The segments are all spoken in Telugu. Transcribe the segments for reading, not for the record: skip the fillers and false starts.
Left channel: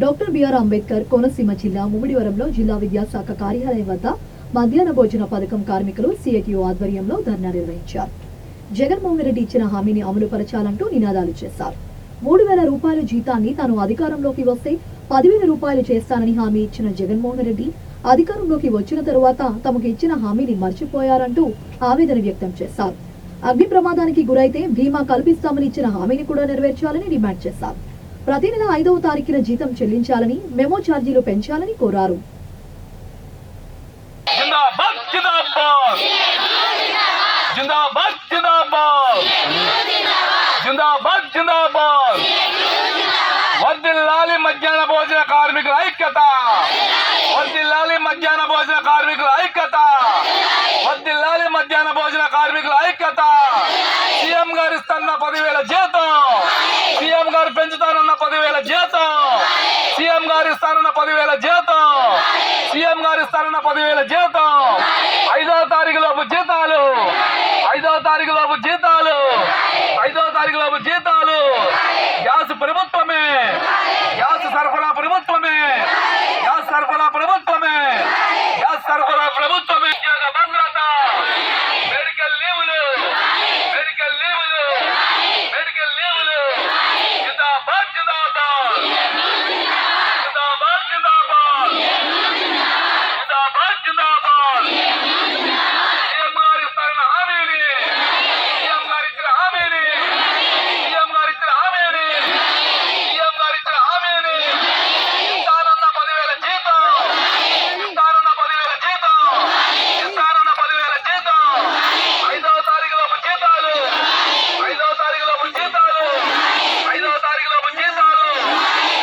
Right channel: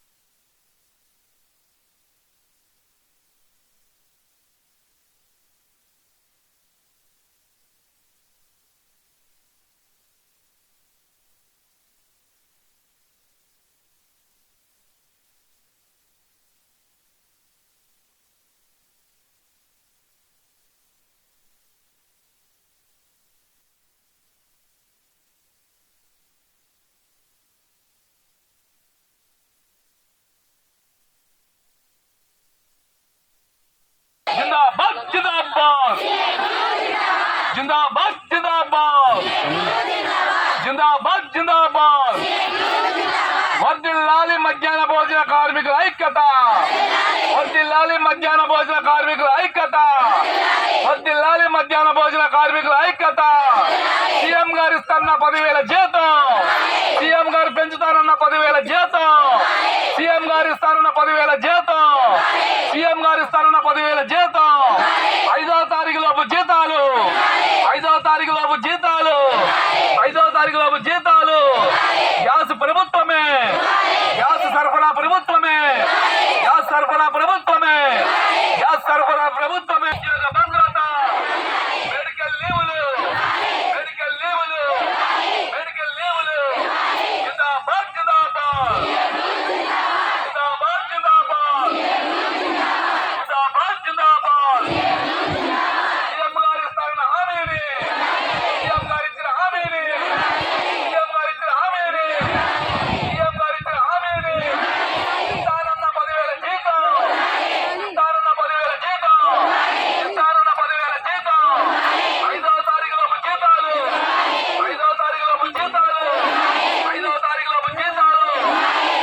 డాక్టర్ బిఆర్ అంబేద్కర్ కోనసీమ జిల్లా ముమ్మిడివరంలో జిల్లా విద్యాశాఖ కార్యాలయం వద్ద మధ్యాహ్న భోజన పథకం కార్మికులు సిఐటియు ఆధ్వర్యంలో ధర్నా నిర్వహించారు. జగన్మోహన్ రెడ్డి ఇచ్చిన హామీని అమలు పరచాలంటూ నినాదాలు చేశారు. 3,000 రూపాయల జీతాన్ని తాను అధికారంలోకి వస్తే 10,000 రూపాయలు చేస్తానని హామీ ఇచ్చిన జగన్మోహన్ రెడ్డి అధికారంలోకి వచ్చిన తరువాత తమకు ఇచ్చిన హామీని మర్చిపోయారంటూ ఆవేదన వ్యక్తం చేశారు. అగ్ని ప్రమాదానికి గురైతే బీమా కల్పిస్తామని ఇచ్చిన హామీని కూడా నెరవేర్చాలని డిమాండ్ చేశారు. ప్రతి నెల 5వ తారీఖున జీతం చెల్లించాలని, మెమో ఛార్జీలు పెంచాలని కోరారు. వర్ధిల్లాలి మధ్యాహ్న భోజన కార్మికుల ఐక్యత, వర్ధిల్లాలి మధ్యాహ్న భోజన కార్మికుల ఐక్యత, వర్ధిల్లాలి మధ్యాహ్న భోజన కార్మికుల ఐక్యత. సీఎం గారు ఇస్తున్న 10,000 జీతం, సీఎం గారు పెంచుతానన్న 10,000 జీతం, సీఎం గారు ఇస్తానన్న 10,000 జీతం, సీఎం గారు ఇస్తానన్న 10,000 జీతం. 5వ తారీఖు లోపు జీతాలు, 5వ తారీఖు లోపు జీతాలు, 5వ తారీఖు లోపు జీతాలు. గ్యాస్ ప్రభుత్వమే, గ్యాస్ సరఫరా ప్రభుత్వమే, గ్యాస్ సరఫరా ప్రభుత్వమే, గ్యాస్ సరఫరా ప్రభుత్వమే. భద్రత, మెడికల్ లీవులు, మెడికల్ లీవులు, మెడికల్ లీవులు. జిందాబాద్, జిందాబాద్, జిందాబాద్, జిందాబాద్, జిందాబాద్, జిందాబాద్. సీఎం గారు ఇస్తారన్న హామీని, సీఎం గారు ఇచ్చిన హామీని, సీఎం గారు ఇచ్చిన హామీని, సీఎం గారు ఇచ్చిన హామీని. ఇస్తానన్న 10,000 జీతం, ఇస్తానన్న 10,000 జీతం, ఇస్తానన్న 10,000 జీతం. 5వ తారీఖు లోపు జీతాలు, 5వ తారీఖు లోపు జీతాలు, 5వ తారీఖు లోపు జీతాలు.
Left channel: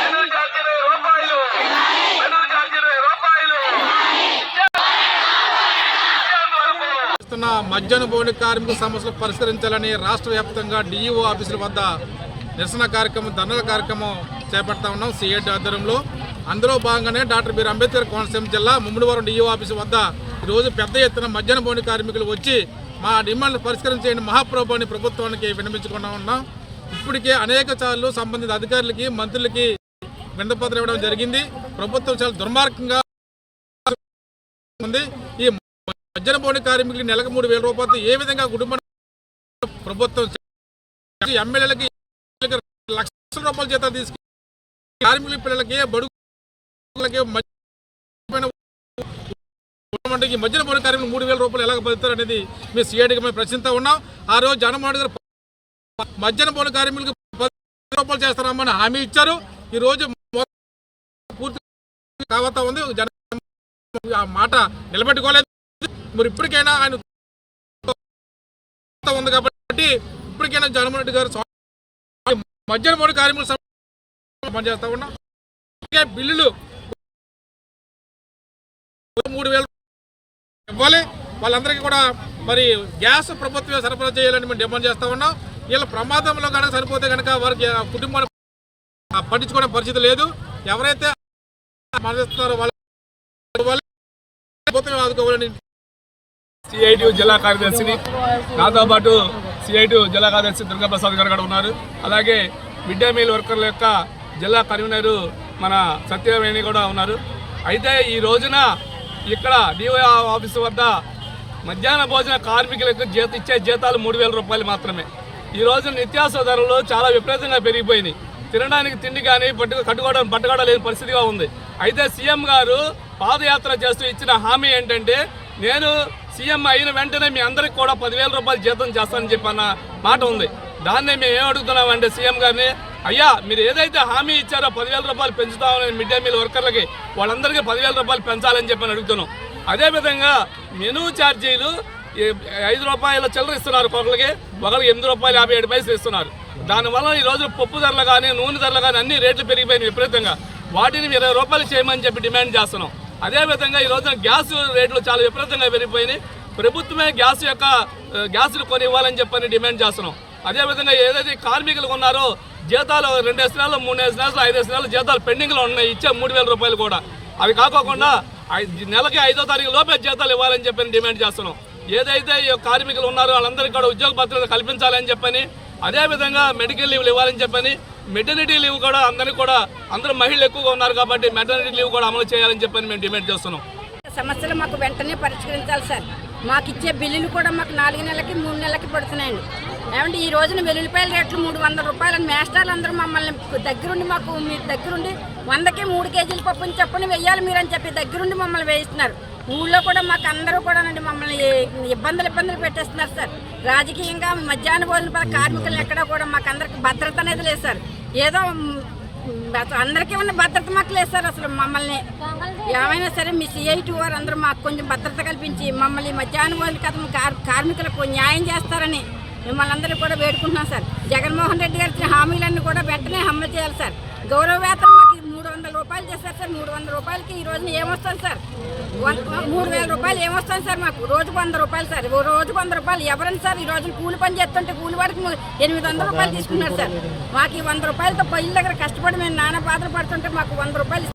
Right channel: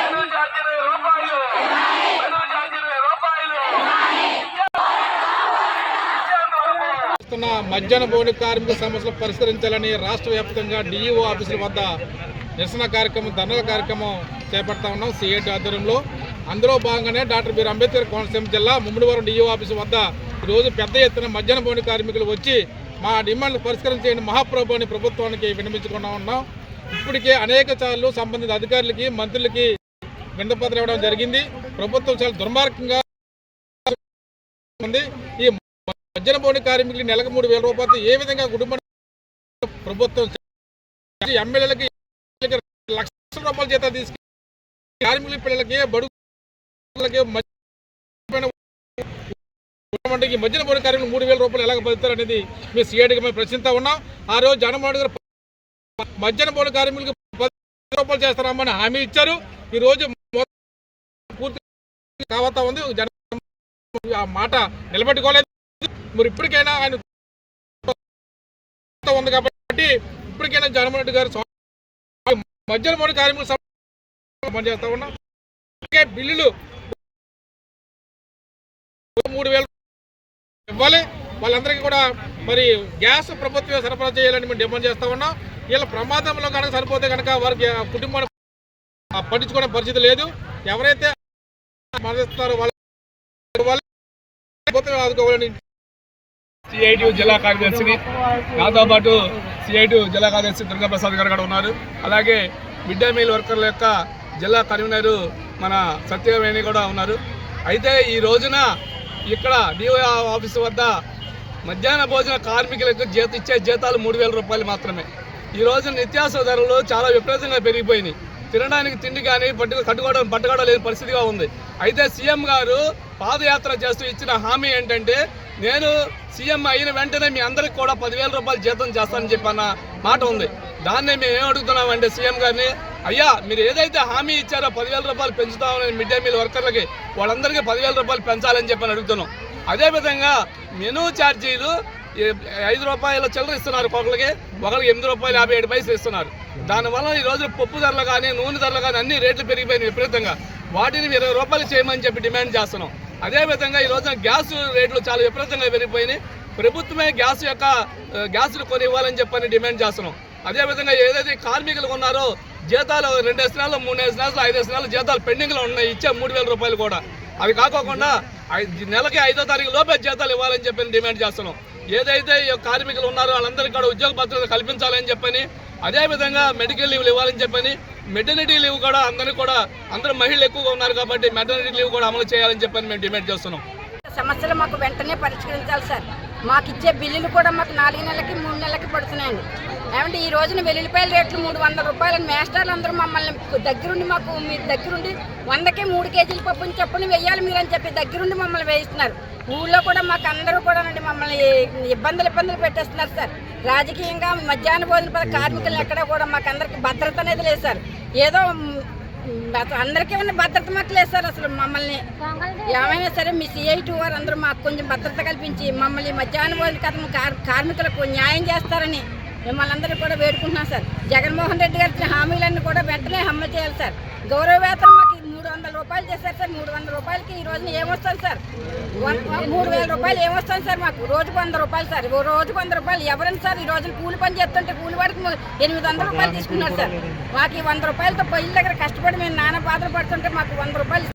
మెనూ ఛార్జీ 20 రూపాయలు, మెనూ ఛార్జీ 20 రూపాయలు. మధ్యాహ్న భోజన కార్మిక సమస్యలు పరిష్కరించాలని రాష్ట్ర వ్యాప్తంగా డిఈఓ ఆఫీసుల వద్ద నిరసన కార్యక్రమం, ధర్నాల కార్యక్రమం చేపడతా ఉన్నాం సిఐటి ఆధ్వర్యంలో. అందులో భాగంగానే డాక్టర్ బిఆర్ అంబేద్కర్ కోనసీమ జిల్లా ముమ్మిడివరం డిఈఓ ఆఫీసు వద్ద ఈరోజు పెద్ద ఎత్తున మధ్యాహ్న భోజన కార్మికులు వచ్చి మా డిమాండ్లు పరిష్కరించేయండి మహాప్రభు అని ప్రభుత్వానికి విన్నవించుకున్నా ఉన్నాం. ఇప్పటికే అనేక సార్లు సంబంధిత అధికారులకి, మంత్రులకి విన్నపత్రం ఇవ్వడం జరిగింది. ప్రభుత్వం చాలా దుర్మార్గంగా ఉంది. ఈ మధ్యాహ్న భోజన కార్మికులకి నెలకు 3,000 రూపాయలతో ఏ విధంగా కుటుంబ ప్రభుత్వం ఎమ్మెల్యేలకి లక్షల రూపాయల జీతాలు తీసుకు కార్మికుల పిల్లలకి, బడుగులకి మధ్యాహ్న భోజన కార్మికులు 3,000 రూపాయలు ఎలాగ బతుకుతారు అనేది మేము సిఐడికి మేము ప్రశ్నిస్తా ఉన్నాం. ఆ రోజు జగన్మోహన్ గారు మధ్యాహ్న భోజన కార్మికులకు 10,000 రూపాయలు చేస్తారమ్మని హామీ ఇచ్చారు. ఈ రోజు పూర్తి కావతా ఉంది. ఆ మాట నిలబెట్టుకోలేదు. మరి ఇప్పటికైనా ఆయన ఉంది కాబట్టి ఇప్పటికైనా జగన్మోహన్ రెడ్డి గారు మధ్యాహ్న భోజన కార్మికులు పనిచేస్తా ఉన్నాం. బిల్లులు 3,000 ఇవ్వాలి. వాళ్ళందరికీ కూడా మరి గ్యాస్ ప్రభుత్వం సరఫరా చేయాలని మేము డిమాండ్ చేస్తా ఉన్నాం. వీళ్ళ ప్రమాదంలో కనుక సరిపోతే కనుక వారికి కుటుంబాన్ని పట్టించుకునే పరిస్థితి లేదు. ఎవరైతే మరణిస్తున్నారో వాళ్ళ ఆదుకోవాలని సిఐటియు జిల్లా కార్యదర్శిని, నాతో పాటు సిఐటియు జిల్లా కార్యదర్శి దుర్గాప్రసాద్ గారు కూడా ఉన్నారు. అలాగే మిడ్ డే మీల్ వర్కర్ల యొక్క జిల్లా కన్వీనరు మన సత్యవేణి కూడా ఉన్నారు. అయితే ఈ రోజున ఇక్కడ డిఓ ఆఫీసు వద్ద మధ్యాహ్న భోజన కార్మికులకు ఇచ్చే జీతాలు 3,000 రూపాయలు మాత్రమే. ఈ రోజున నిత్యావసర ధరలు చాలా విపరీతంగా పెరిగిపోయినాయి. తినడానికి తిండి కానీ పట్టుకోవడం లేని పరిస్థితిగా ఉంది. అయితే సీఎం గారు పాదయాత్ర చేస్తూ ఇచ్చిన హామీ ఏంటంటే, నేను సీఎం అయిన వెంటనే మీ అందరికి కూడా 10,000 రూపాయలు జీతం చేస్తానని చెప్పన్న మాట ఉంది. దాన్నే మేము ఏం అడుగుతున్నామంటే సీఎం గారిని, అయ్యా మీరు ఏదైతే హామీ ఇచ్చారో 10,000 రూపాయలు పెంచుతామని మిడ్ డే మీల్ వర్కర్లకి వాళ్ళందరికీ 10,000 రూపాయలు పెంచాలని చెప్పని అడుగుతున్నాం. అదేవిధంగా మెనూ ఛార్జీలు 5 రూపాయల చిల్లర ఇస్తున్నారు, ఒకరికి 8 రూపాయలు 57 పైసలు ఇస్తున్నారు. దానివల్ల ఈ రోజు పప్పు ధరలు కానీ, నూనె ధరలు కానీ అన్ని రేట్లు పెరిగిపోయినాయి విపరీతంగా. వాటిని 20 రూపాయలు చేయమని చెప్పి డిమాండ్ చేస్తున్నాం. అదేవిధంగా ఈ రోజున గ్యాస్ రేట్లు చాలా విపరీతంగా పెరిగిపోయినాయి. ప్రభుత్వమే గ్యాస్ను కొని ఇవ్వాలని చెప్పని డిమాండ్ చేస్తున్నాం. అదేవిధంగా ఏదైతే కార్మికులు ఉన్నారో జీతాలు 2 నెలలు, 3 నెలలు, 5 నెలలు జీతాలు పెండింగ్లో ఉన్నాయి. ఇచ్చే 3,000 రూపాయలు కూడా అవి కాకోకుండా నెలకి 5వ తారీఖు లోపే జీతాలు ఇవ్వాలని చెప్పని డిమాండ్ చేస్తున్నాం. ఏదైతే కార్మికులు ఉన్నారో వాళ్ళందరికీ కూడా ఉద్యోగ భద్రత కల్పించాలని చెప్పని, అదేవిధంగా మెడికల్ లీవ్లు ఇవ్వాలని చెప్పని, మెటర్నిటీ లీవ్ కూడా అందరూ మహిళలు ఎక్కువగా ఉన్నారు కాబట్టి మెటర్నిటీ లీవ్ కూడా అమలు చేయాలని చెప్పని మేము డిమాండ్ చేస్తున్నాం. సమస్యలు మాకు వెంటనే పరిష్కరించాలి సార్. మాకు ఇచ్చే బిల్లులు కూడా మాకు 4 నెలలకి 3 నెలలకి పడుతున్నాయండి. ఏమంటే ఈ రోజున వెల్లుల్లిపాయల రేట్లు 300 రూపాయలు. మేస్టార్లు అందరూ మమ్మల్ని దగ్గరుండి మీరు దగ్గరుండి 100కి 3 కేజీల పప్పుని చెప్పుని వెయ్యాలి మీరు అని చెప్పి దగ్గరుండి మమ్మల్ని వేయిస్తున్నారు. ఊళ్ళో కూడా మాకు అందరూ కూడా మమ్మల్ని ఇబ్బందులు పెట్టేస్తున్నారు సార్. రాజకీయంగా మధ్యాహ్న భోజన పథకం కార్మికులను ఎక్కడ కూడా మాకు అందరికి భద్రత అనేది లేదు సార్. ఏదో అందరికీ ఉన్న భద్రత మాకు లేదు సార్. అసలు మమ్మల్ని ఏమైనా సరే మీ CIT వారు అందరూ మాకు కొంచెం భద్రత కల్పించి మమ్మల్ని మధ్యాహ్న భోజన పథకం కార్మికులకు న్యాయం చేస్తారని మిమ్మల్ని అందరూ కూడా వేడుకుంటున్నాం సార్. జగన్మోహన్ రెడ్డి గారి ఇచ్చిన హామీలన్నీ కూడా వెంటనే అమలు చేయాలి సార్. గౌరవ వేతనం మాకు 300 రూపాయలు చేస్తారు సార్. 300 రూపాయలకి ఈ రోజున ఏమొస్తుంది సార్? 3000 రూపాయలు ఏమొస్తుంది సార్? మాకు రోజుకు 100 రూపాయలు సార్. రోజుకు 100 రూపాయలు ఎవరైనా సార్ ఈ రోజున కూలి పని చేస్తుంటే కూలి వాడికి 800 రూపాయలు తీసుకున్నారు సార్. మాకు ఈ 100 రూపాయలతో పొయ్యిల దగ్గర కష్టపడి మేము నానా బాధలు పడుతుంటే మాకు 100 రూపాయలు